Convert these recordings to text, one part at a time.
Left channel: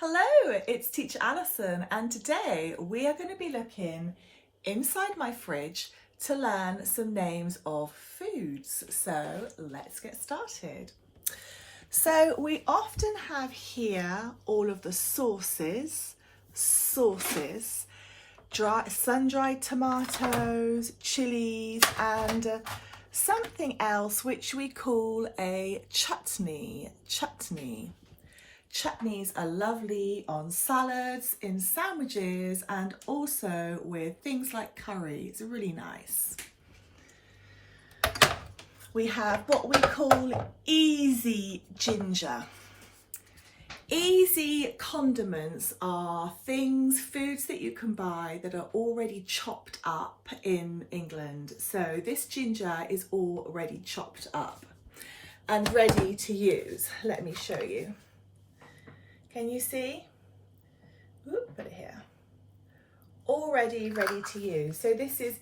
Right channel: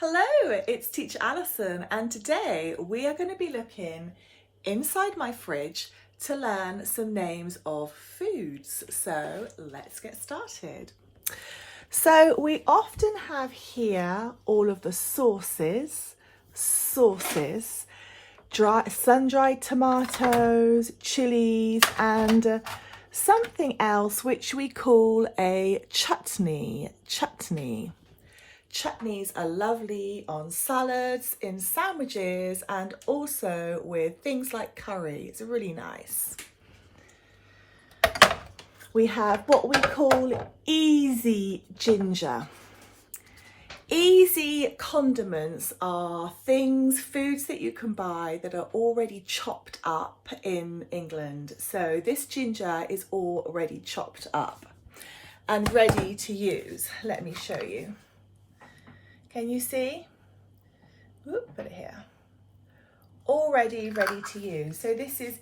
Hello, it's Teacher Alison, and today we are going to be looking inside my fridge to learn some names of foods. So let's get started. So we often have here all of the sauces, sun-dried tomatoes, chilies, and something else which we call a chutney. Chutneys are lovely on salads, in sandwiches, and also with things like curry. It's really nice. We have what we call easy ginger. Easy condiments are foods that you can buy that are already chopped up in England. So this ginger is already chopped up and ready to use. Let me show you. Can you see? Put it here. Already ready to use. So this is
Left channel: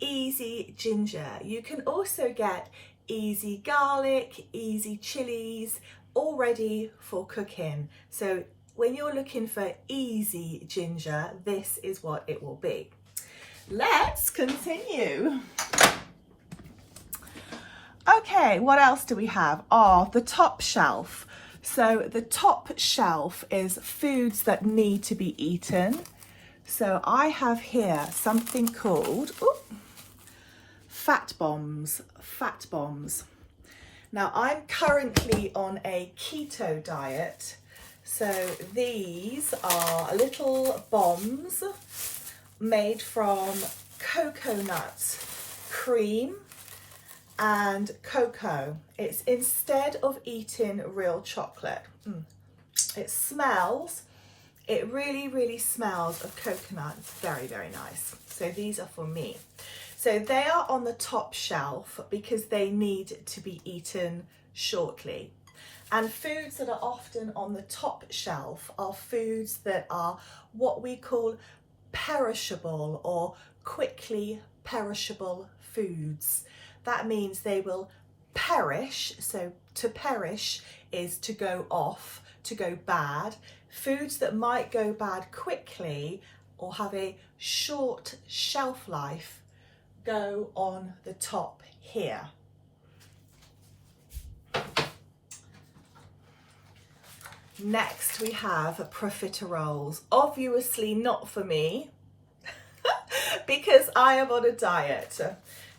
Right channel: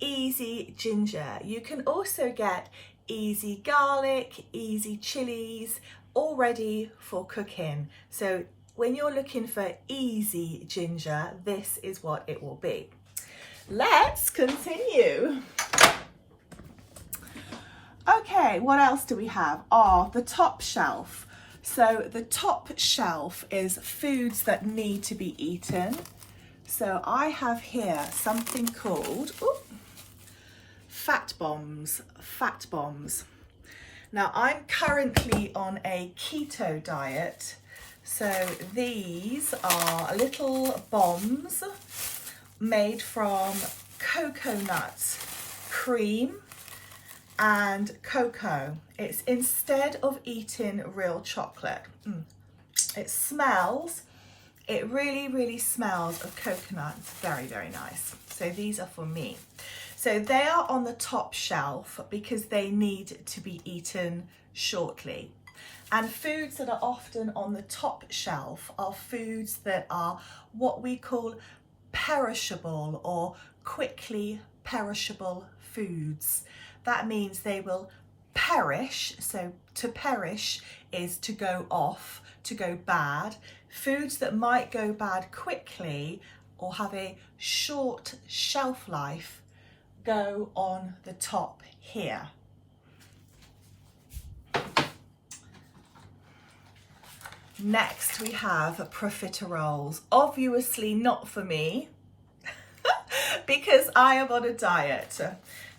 easy ginger. You can also get easy garlic, easy chilies, all ready for cooking. So when you're looking for easy ginger, this is what it will be. Let's continue. Okay, what else do we have? Oh, the top shelf. So the top shelf is foods that need to be eaten. So I have here something called fat bombs. Now I'm currently on a keto diet. So these are little bombs made from coconut cream and cocoa. It's instead of eating real chocolate. It really smells of coconut. It's very nice. So these are for me. So they are on the top shelf because they need to be eaten shortly. And foods that are often on the top shelf are foods that are what we call perishable or quickly perishable foods. That means they will perish. So to perish is to go off, to go bad. Foods that might go bad quickly or have a short shelf life go on the top here. Next we have profiteroles. Obviously not for me because I am on a diet.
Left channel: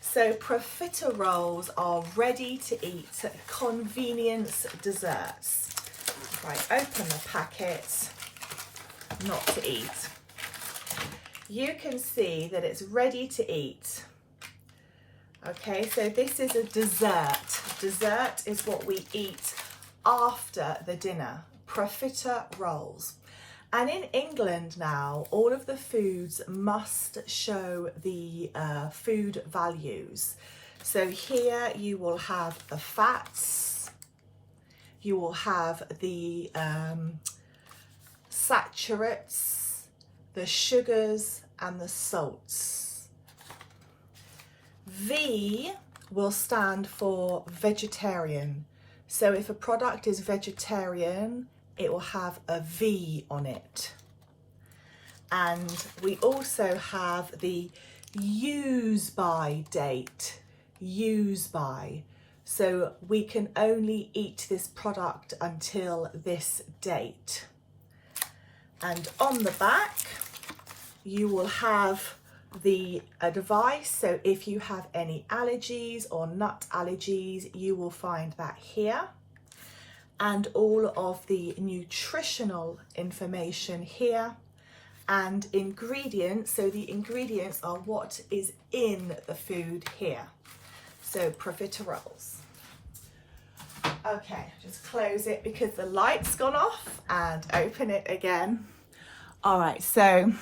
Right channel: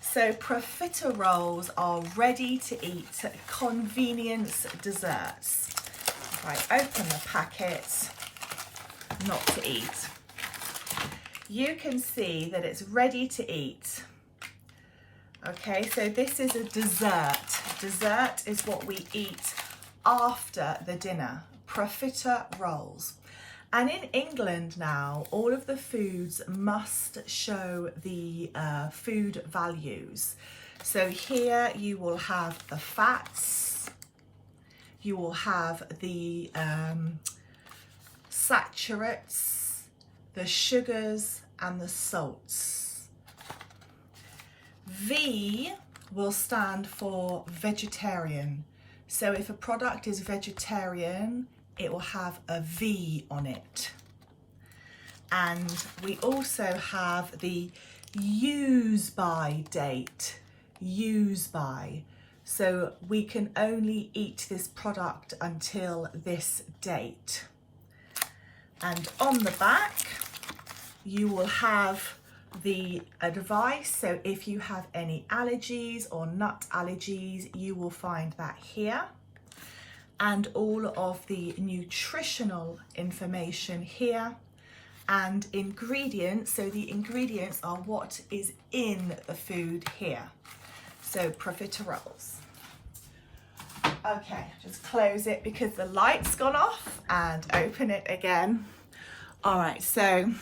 So profiteroles are ready to eat convenience desserts. If I open the packet, not to eat, you can see that it's ready to eat. Okay, so this is a dessert. Dessert is what we eat after the dinner. Profiteroles. And in England now, all of the foods must show the food values. So here you will have the fats, you will have the saturates, the sugars and the salts. V will stand for vegetarian. So if a product is vegetarian, it will have a V on it. And we also have the use by date, use by. So we can only eat this product until this date. And on the back, you will have the advice. So if you have any allergies or nut allergies, you will find that here. And all of the nutritional information here, and ingredients. So the ingredients are what is in the food here. So profiteroles. Okay, just close it because the light's gone off and open it again. All right, so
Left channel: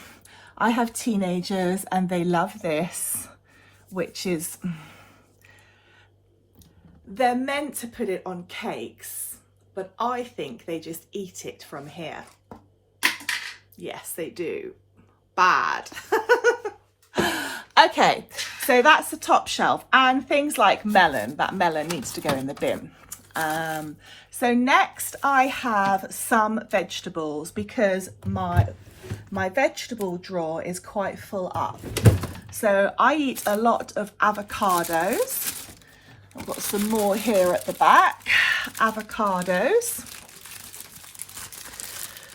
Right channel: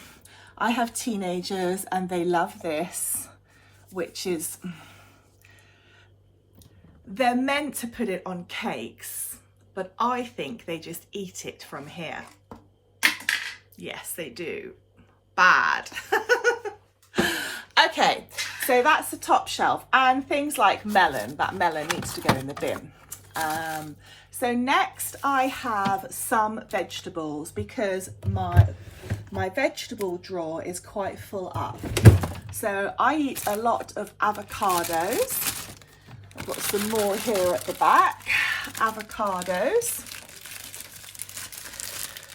I have teenagers and they love this, which is, they're meant to put it on cakes, but I think they just eat it from here. Yes, they do. Bad. Okay, so that's the top shelf. And things like melon, that melon needs to go in the bin. So next I have some vegetables because my vegetable drawer is quite full up. So I eat a lot of avocados. I've got some more here at the back, avocados.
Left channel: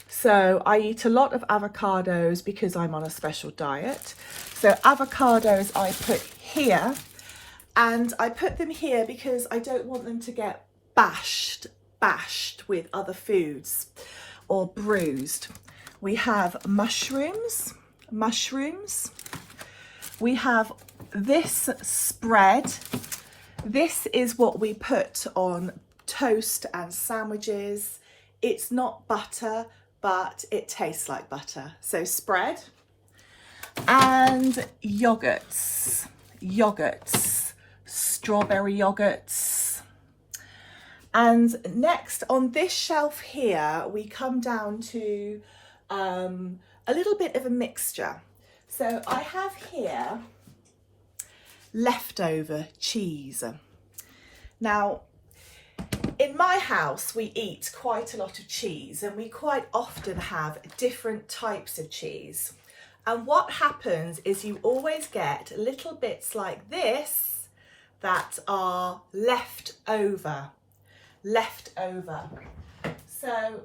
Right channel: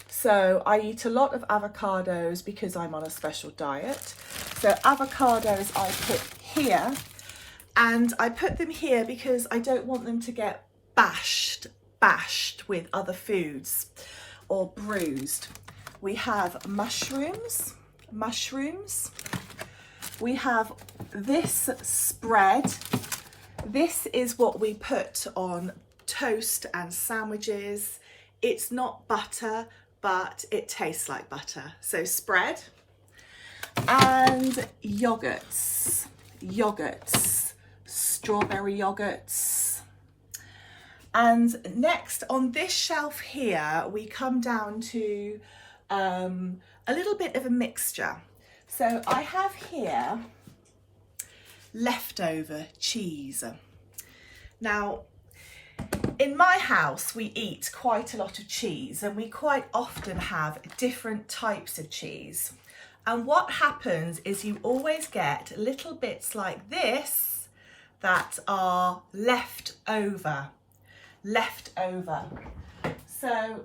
So I eat a lot of avocados because I'm on a special diet. So avocados I put here, and I put them here because I don't want them to get bashed with other foods or bruised. We have mushrooms. We have this spread. This is what we put on toast and sandwiches. It's not butter, but it tastes like butter. So spread. And yogurts, strawberry yogurts. And next on this shelf here, we come down to a little bit of a mixture. So I have here leftover cheese. Now, in my house, we eat quite a lot of cheese, and we quite often have different types of cheese. And what happens is you always get little bits like this that are left over. So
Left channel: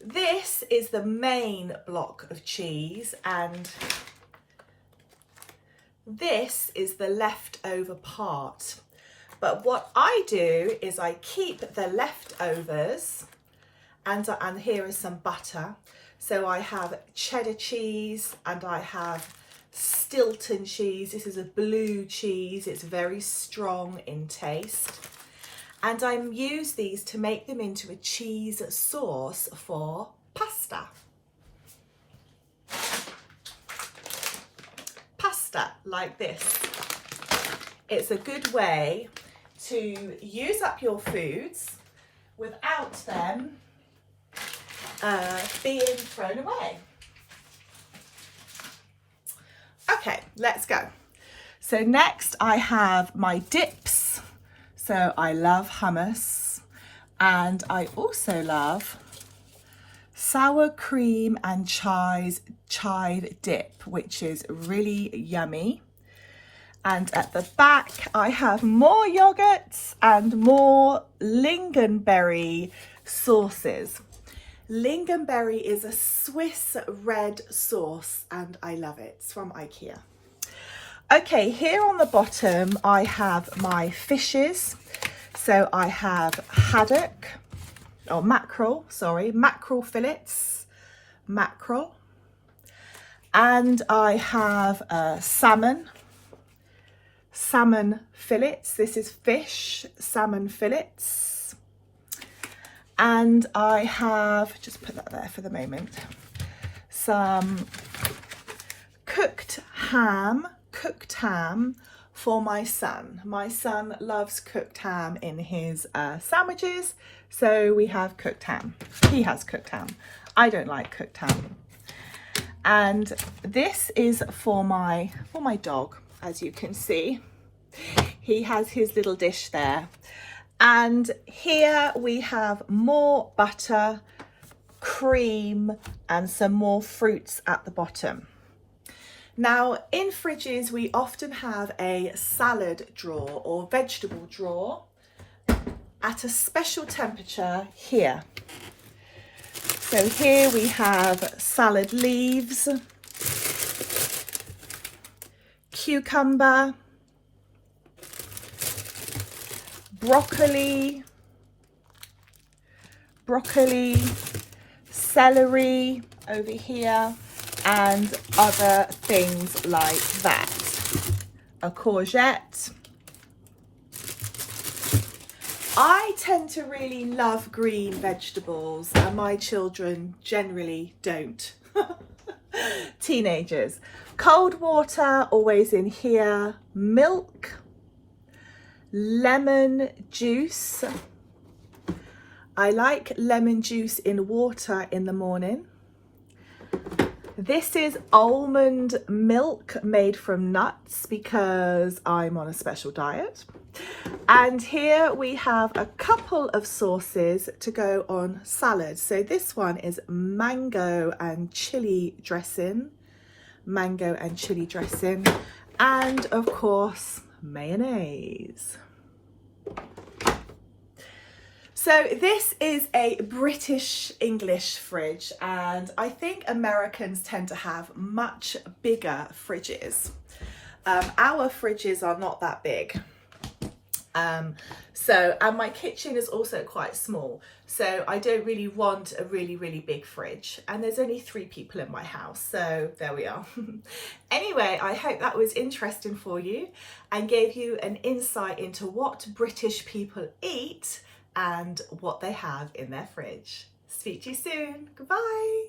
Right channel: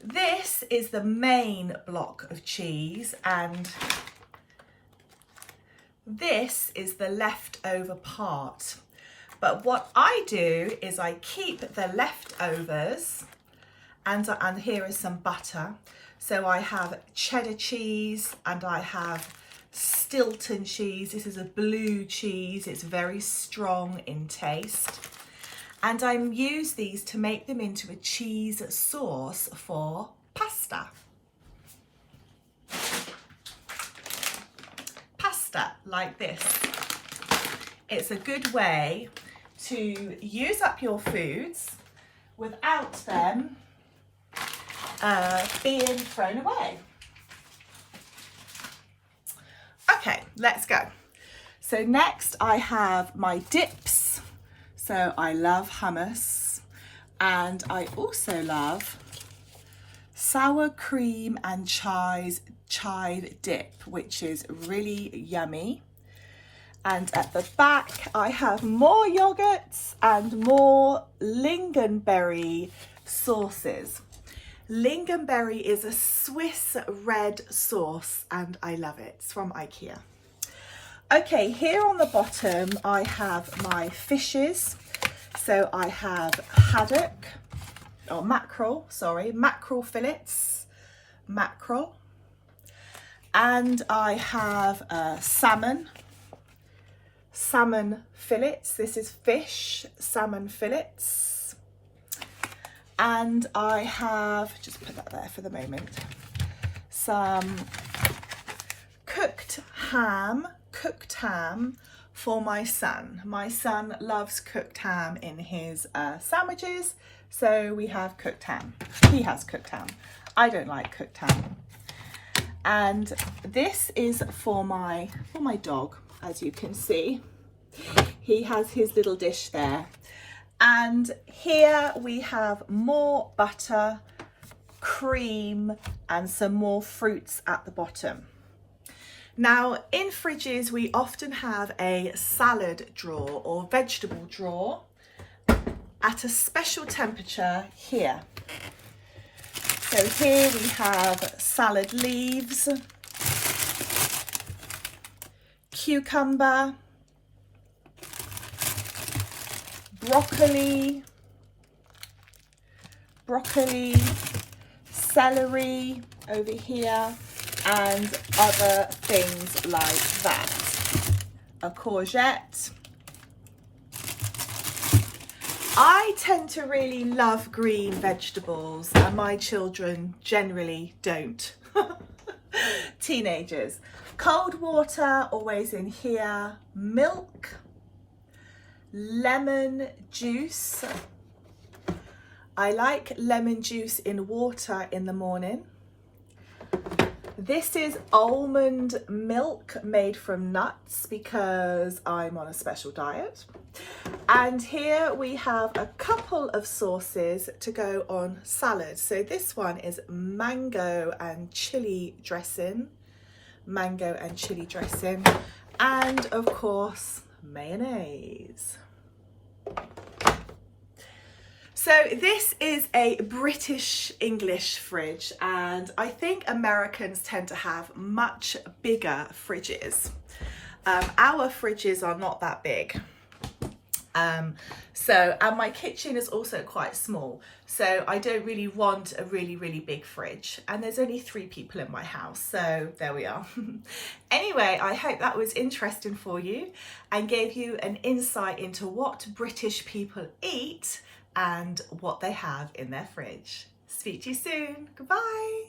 this is the main block of cheese, and this is the leftover part. But what I do is I keep the leftovers, and here is some butter. So I have cheddar cheese and I have Stilton cheese. This is a blue cheese. It's very strong in taste. And I use these to make them into a cheese sauce for pasta. Pasta like this. It's a good way to use up your foods without them being thrown away. Okay, let's go. So next I have my dips. So I love hummus, and I also love sour cream and chive dip, which is really yummy. And at the back I have more yogurts and more lingonberry sauces. Lingonberry is a Swiss red sauce and I love it. It's from IKEA. Okay, here on the bottom I have my fishes. So I have haddock, or mackerel fillets, mackerel. And I have salmon fillets. This is fish, salmon fillets. And I have, just put that there for the moment, some cooked ham for my son. My son loves cooked ham in his sandwiches, so we have cooked ham. He has cooked ham. I don't like cooked ham. And this is for my dog, as you can see. He has his little dish there. And here we have more butter, cream, and some more fruits at the bottom. Now, in fridges, we often have a salad drawer or vegetable drawer at a special temperature here. So here we have salad leaves, cucumber, broccoli, celery over here, and other things like that. A courgette. I tend to really love green vegetables, and my children generally don't. Teenagers. Cold water always in here. Milk. Lemon juice. I like lemon juice in water in the morning. This is almond milk made from nuts because I'm on a special diet. And here we have a couple of sauces to go on salad. So this one is mango and chili dressing, and of course mayonnaise. So this is a British English fridge, and I think Americans tend to have much bigger fridges. Our fridges are not that big. And my kitchen is also quite small, so I don't really want a really big fridge, and there's only 3 people in my house, so there we are. Anyway, I hope that was interesting for you and gave you an insight into what British people eat and what they have in their fridge. Speak to you soon. Goodbye.